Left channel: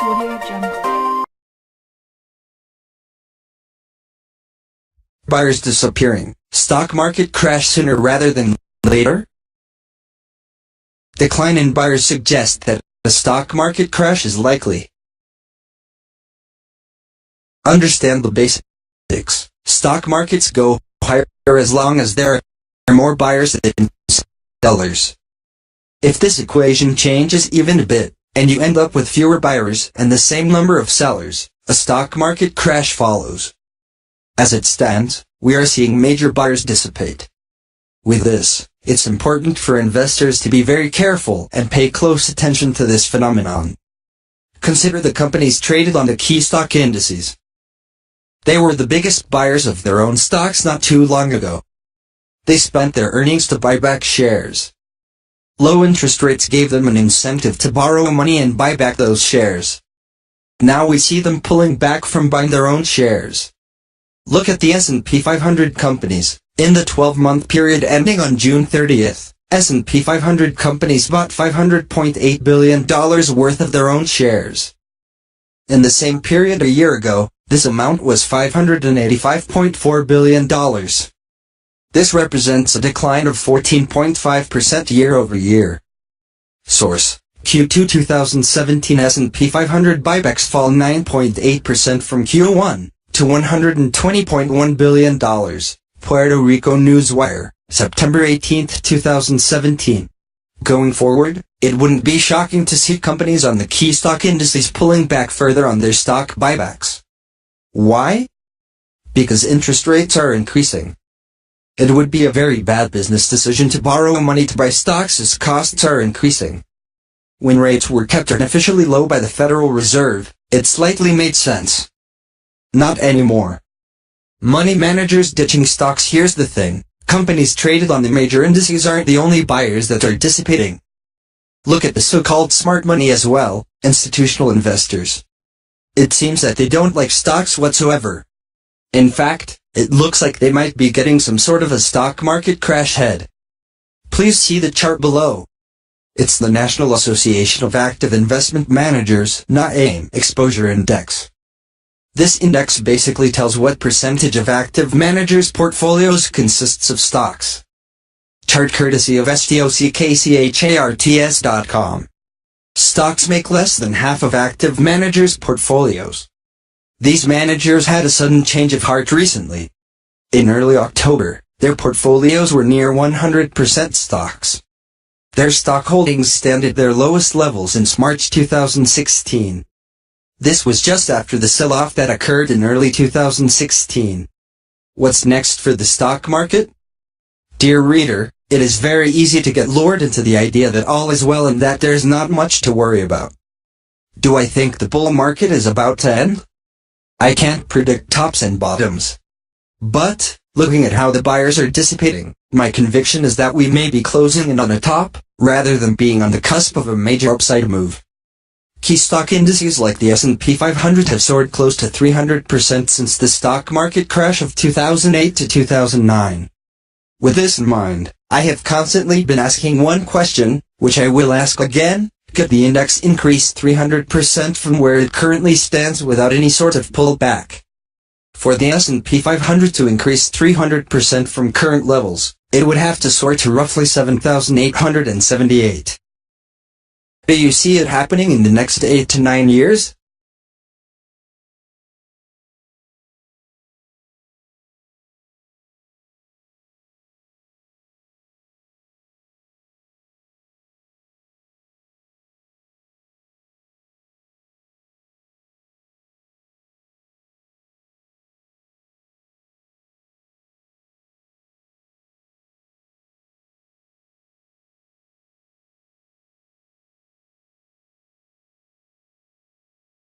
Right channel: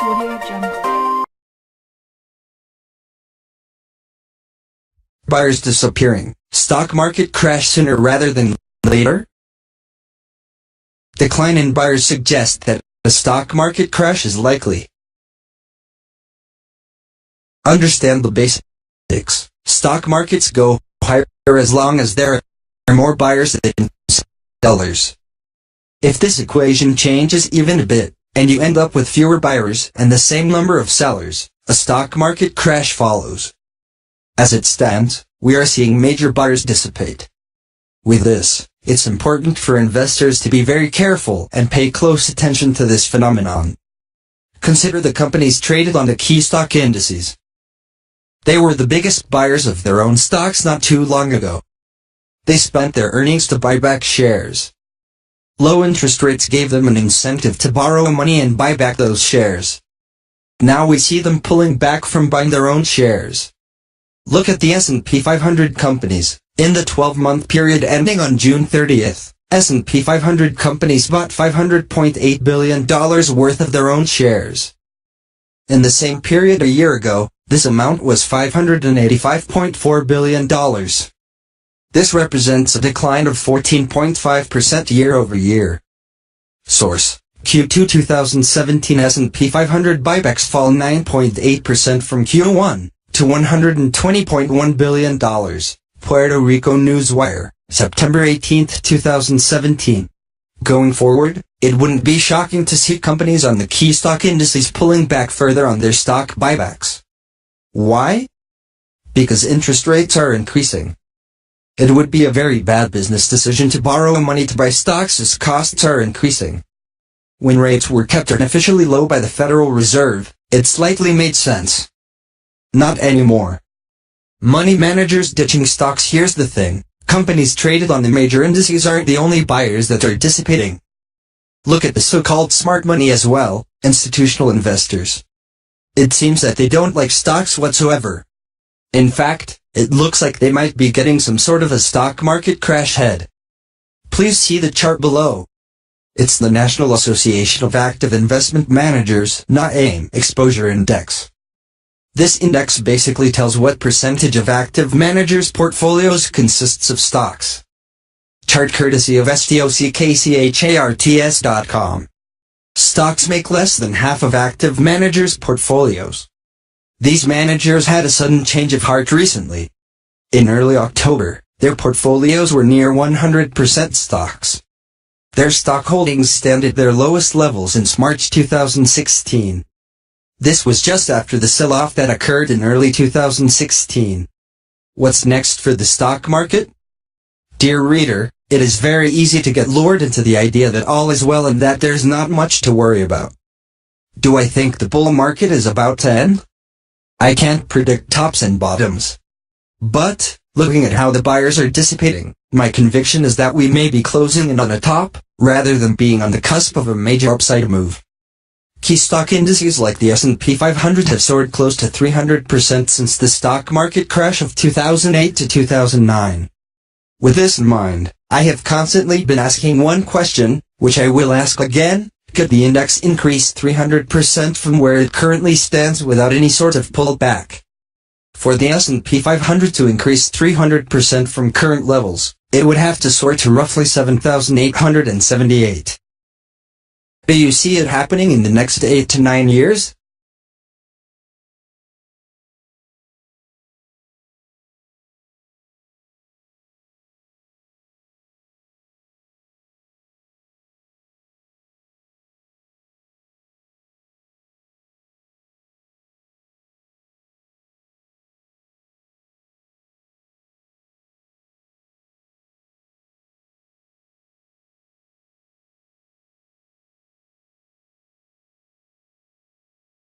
Audio Jungle. Buyers disappearing. Stock market crash sooner rather than later? Decline in buyers suggest that a stock market crash is likely. Understand the basics. Stock markets go higher as long as there are more buyers than sellers. If this equation changes even a bit, and you end up with fewer buyers and the same number of sellers, a stock market crash follows. As it stands, we are seeing major buyers dissipate. With this, it's important for investors to be very careful and pay close attention to this phenomenon. Consider the companies traded on the key stock indices. They were the biggest buyers of their own stocks not too long ago. They spent their earnings to buy back shares. Low interest rates gave them an incentive to borrow money and buy back those shares. Now we see them pulling back from buying their own shares. Look at the S&P 500 companies. In the 12-month period ending on June 30th, S&P 500 companies bought $500.8 billion worth of their own shares. In the same period a year ago, this amount was $585.4 billion. This represents a decline of 14.5% year-over-year. Source: Q2 2017 S&P 500 buybacks fall 9.8% from Q1 to $120.1 billion. Puerto Rico Newswire, September 18, 2017. Going forward, it wouldn't be shocking to see companies on the key stock indices pulling back further on their stock buybacks. Why? Because interest rates are increasing. It would be a very bad business decision to borrow money to buy stocks as costs are increasing. When rates were kept artificially low by the Federal Reserve, it slightly made sense. Not anymore. Money managers ditching stocks. Here's the thing, companies traded on the major indices aren't the only buyers that are dissipating. Look at the so-called smart money as well, institutional investors. It seems that they don't like stocks whatsoever. In fact, it looks like they might be getting some sort of a stock market crash head. Please see the chart below. It's the National Association of Active Investment Managers, NAIM Exposure Index. This index basically tells what percentage of active managers' portfolios consists of stocks. Chart courtesy of stockcharts.com. Stocks make less than half of active managers' portfolios. These managers had a sudden change of heart recently. In early October, their portfolios were near 100% stocks. Their stock holdings stand at their lowest level since March 2016. This was just after the sell-off that occurred in early 2016. What's next for the stock market? Dear reader, it is very easy to get lured into the idea that all is well and that there's not much to worry about. Do I think the bull market is about to end? I can't predict tops and bottoms. But, looking at how the buyers are dissipating, my conviction is that we may be closing in on a top, rather than being on the cusp of a major upside move. Key stock indices like the S&P 500 have soared close to 300% since the stock market crash of 2008 to 2009. With this in mind, I have constantly been asking one question, which I will ask again: could the index increase 300% from where it currently stands without any sort of pullback? For the S&P 500 to increase 300% from current levels, it would have to soar to roughly 7,878. Do you see it happening in the next 8 to 9 years?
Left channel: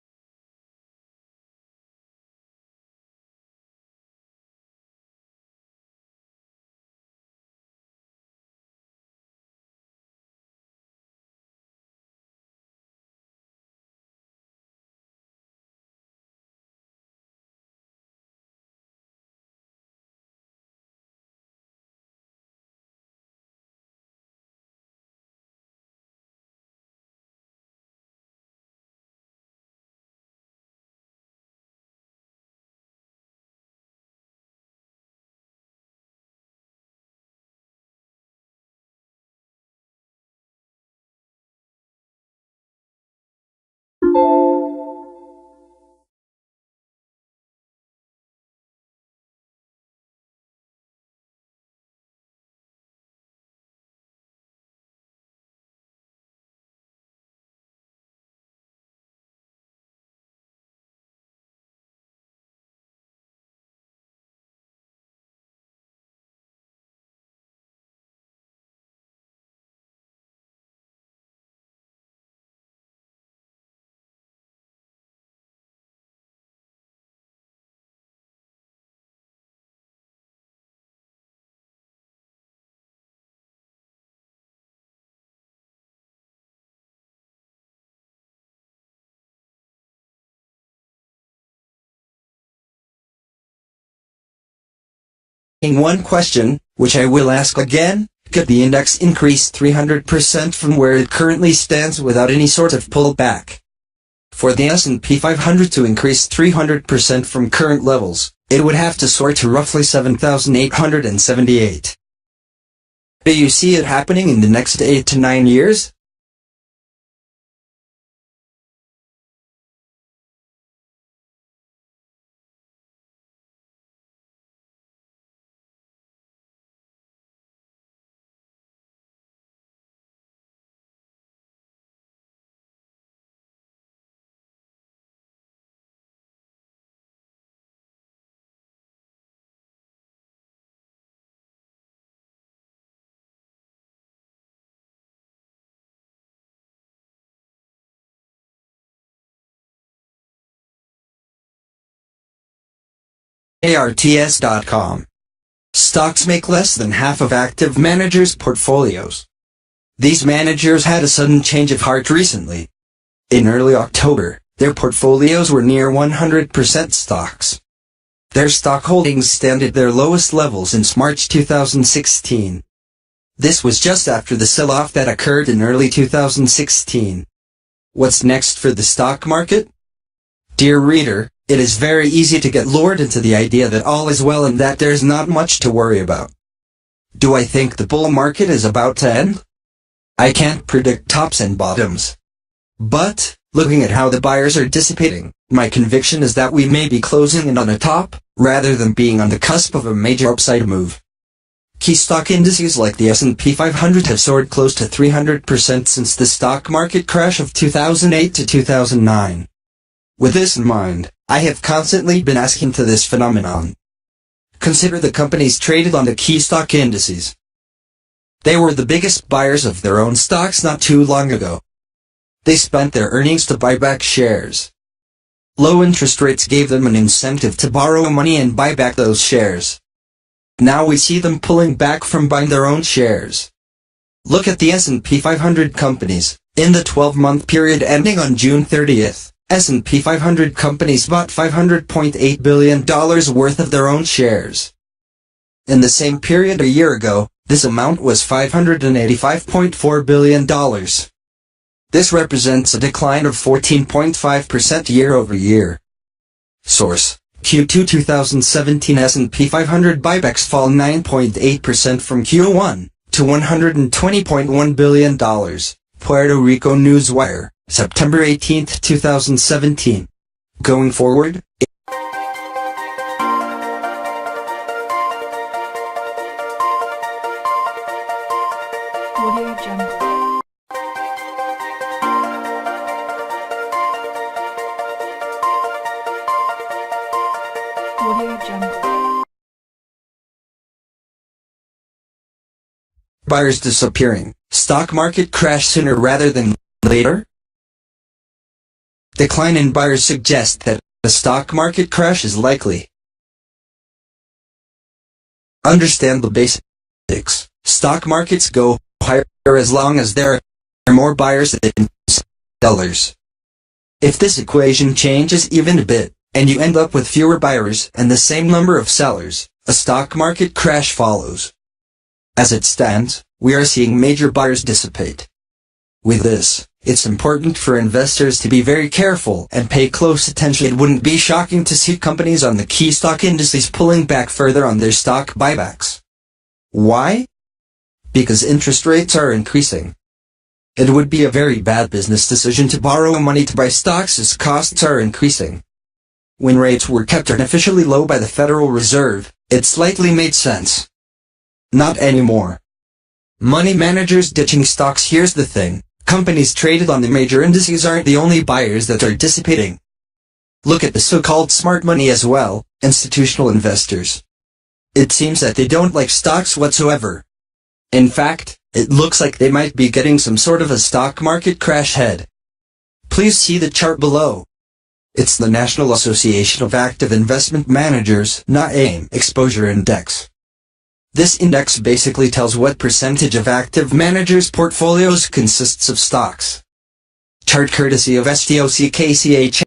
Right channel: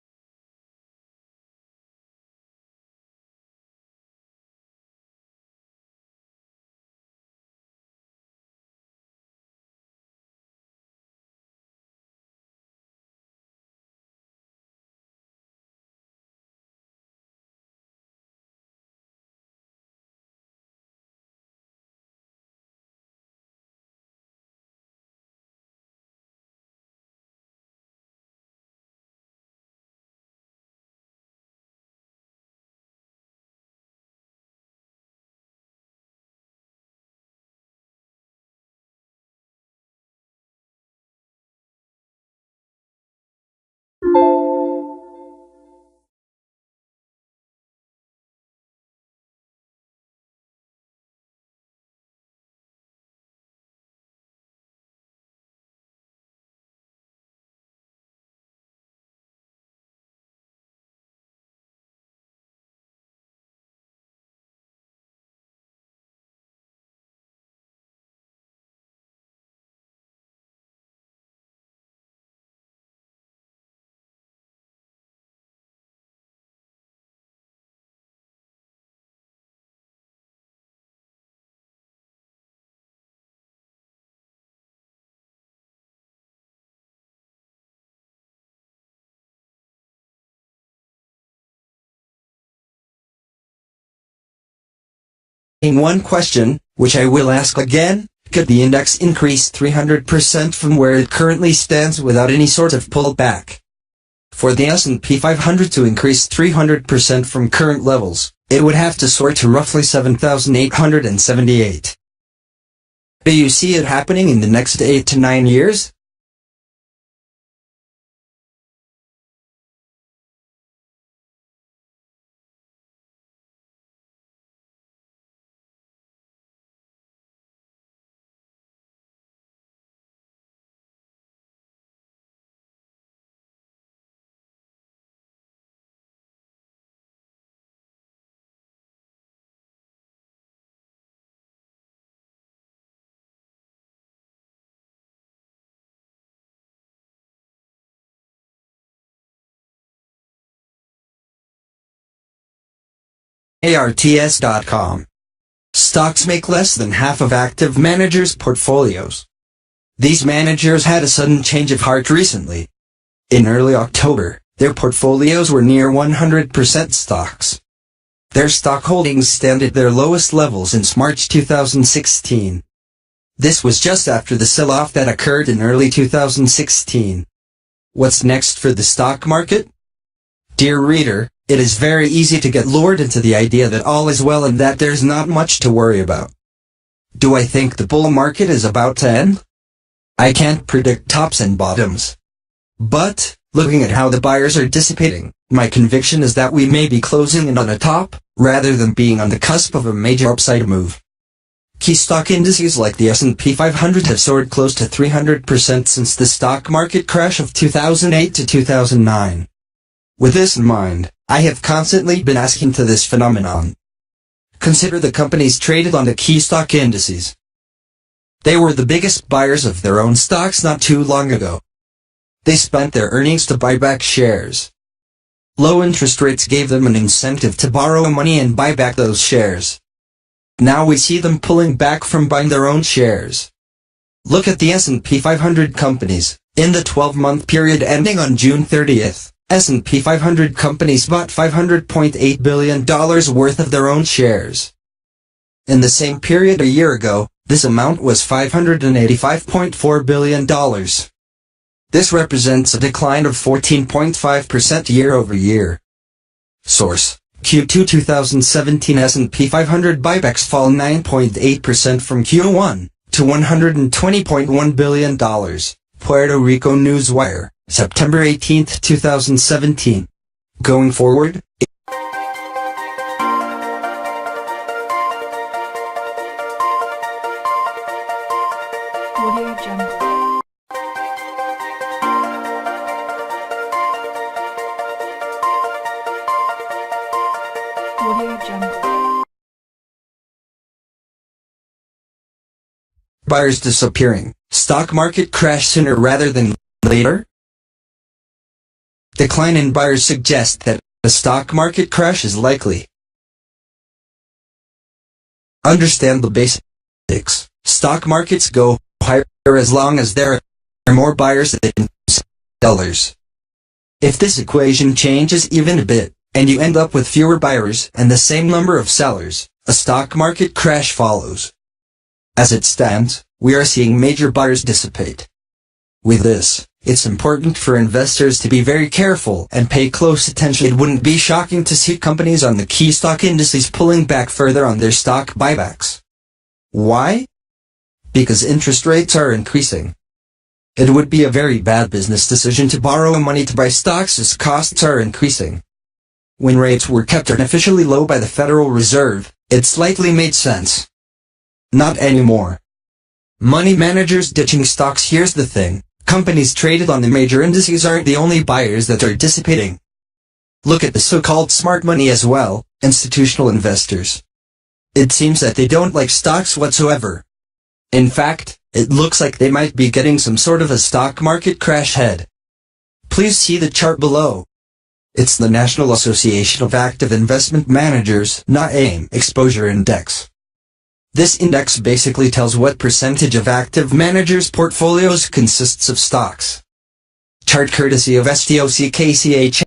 In one question, which I will ask again, could the index increase 300% from where it currently stands without any sort of pullback? For the S&P 500 to increase 300% from current levels, it would have to soar to roughly 7,878. Do you see it happening in the next 8 to 9 years? ARTS.com. Stocks make less than half of active managers' portfolios. These managers had a sudden change of heart recently. In early October, their portfolios were near 100% stocks. Their stock holdings stand at their lowest levels since March 2016. This was just after the sell-off that occurred in early 2016. What's next for the stock market? Dear reader, it is very easy to get lured into the idea that all is well and that there's not much to worry about. Do I think the bull market is about to end? I can't predict tops and bottoms. But, looking at how the buyers are dissipating, my conviction is that we may be closing in on a top, rather than being on the cusp of a major upside move. Key stock indices like the S&P 500 have soared close to 300% since the stock market crash of 2008 to 2009. With this in mind, I have constantly been asking to this phenomenon. Consider the companies traded on the key stock indices. They were the biggest buyers of their own stocks not too long ago. They spent their earnings to buy back shares. Low interest rates gave them an incentive to borrow money and buy back those shares. Now we see them pulling back from buying their own shares. Look at the S&P 500 companies. In the 12-month period ending on June 30th, S&P 500 companies bought $500.8 billion worth of their own shares. In the same period a year ago, this amount was $585.4 billion. This represents a decline of 14.5% year-over-year. Source: Q2 2017 S&P 500 buybacks fall 9.8% from Q1 to $120.1 billion. Puerto Rico Newswire, September 18, 2017. Going forward, Audio Jungle. Audio Jungle. buyers disappearing, stock market crash sooner rather than later? Decline in buyers suggests that a stock market crash is likely. Understand the basics. Stock markets go higher as long as there are more buyers than sellers. If this equation changes even a bit, and you end up with fewer buyers and the same number of sellers, a stock market crash follows. As it stands, we are seeing major buyers dissipate. With this, it's important for investors to be very careful and pay close attention. It wouldn't be shocking to see companies on the key stock indices pulling back further on their stock buybacks. Why? Because interest rates are increasing. It would be a very bad business decision to borrow money to buy stocks as costs are increasing. When rates were kept artificially low by the Federal Reserve, it slightly made sense. Not anymore. Money managers ditching stocks. Here's the thing, companies traded on the major indices aren't the only buyers that are dissipating. Look at the so-called smart money as well, institutional investors. It seems that they don't like stocks whatsoever. In fact, it looks like they might be getting some sort of a stock market crash head. Please see the chart below. It's the National Association of Active Investment Managers, NAIM Exposure Index. This index basically tells what percentage of active managers' portfolios consists of stocks. Chart courtesy of STOCKCH.